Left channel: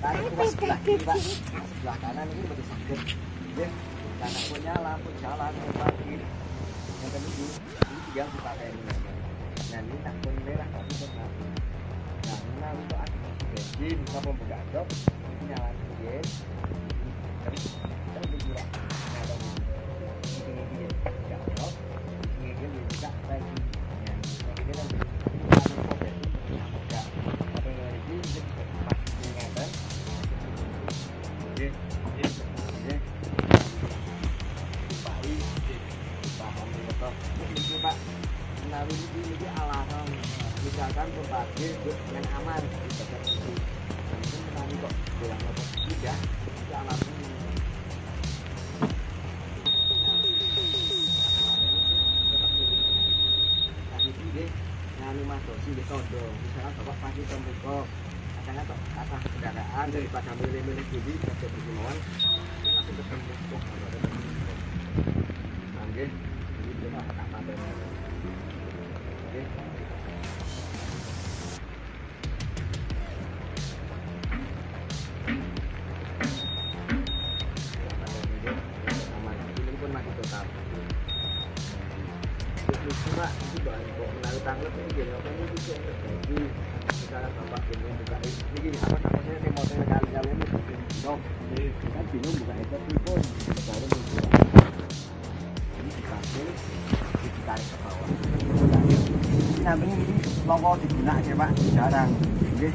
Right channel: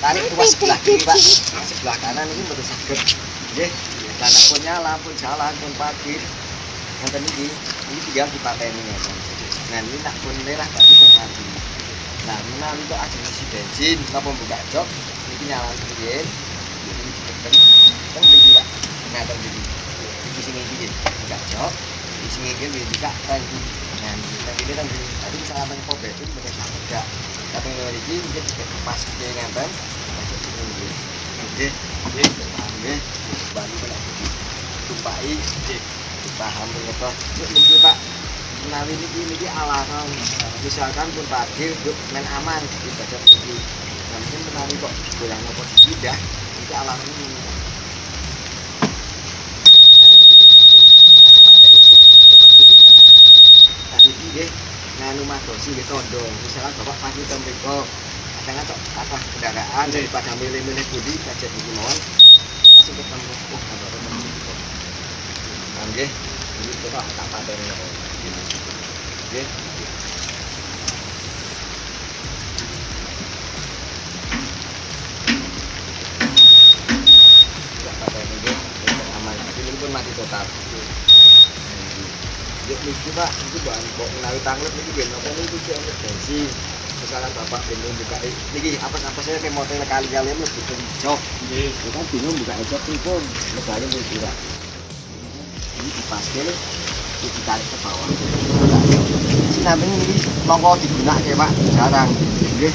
tarik tuas sebelah kiri Pak, sebelah kanan ini betul saged. Nggih, anak pun nyala, pun jalan, pun parkir. Ngeten iki, ini tinggal dipateni ngeten. Nah, ini nak pun merah berarti pun mati. Nah, menawi kok ajeng isi bensin, napa buka jok, iki nyala riyen. Iki ditekan, teng mriki Pak. Ngaten iki. Iki sing iki buka jok, iki sing iki buka tangki. Nah, tangki ini tangki. Tapi misalnya teng pom bensin mboten saged gak. Tapi ngene iki mungkin pas iki ngaten. Nggih, nggih, nggih. Baru kena tumpai, paham betul. Yuk niki Pak. Menawi niki alasan misalkan pun parkir yuk main aman di bagian ini. Nah, mungkin menawi kok goyang nopo tidak, niki alasan ini. Tadi nggih nganu madosi nggih tondo. Misalkan Bapak parkir teng mriko, kadang kata kendaraan daripada milih-milih budi kajet iki mawon langsung ketemu kok Bapak teng mriko. Nggih, iki coba tak pateni. Nggih. Tak pateni nggih, aman. Ini pun mati total. Niki Pak, itu bahan kok menawi tanglet niki nggih napa niki iki emergensi. Misalkan Bapak bingung buka niki apa saya remote kali-kali mlebu jok. Nggih, kita bingung buka jok pripun. Lebare niki Pak. Ini dipaske ditarik ke bawah. Sinampen ini monggo digunakan Pak, jarang. Nggih.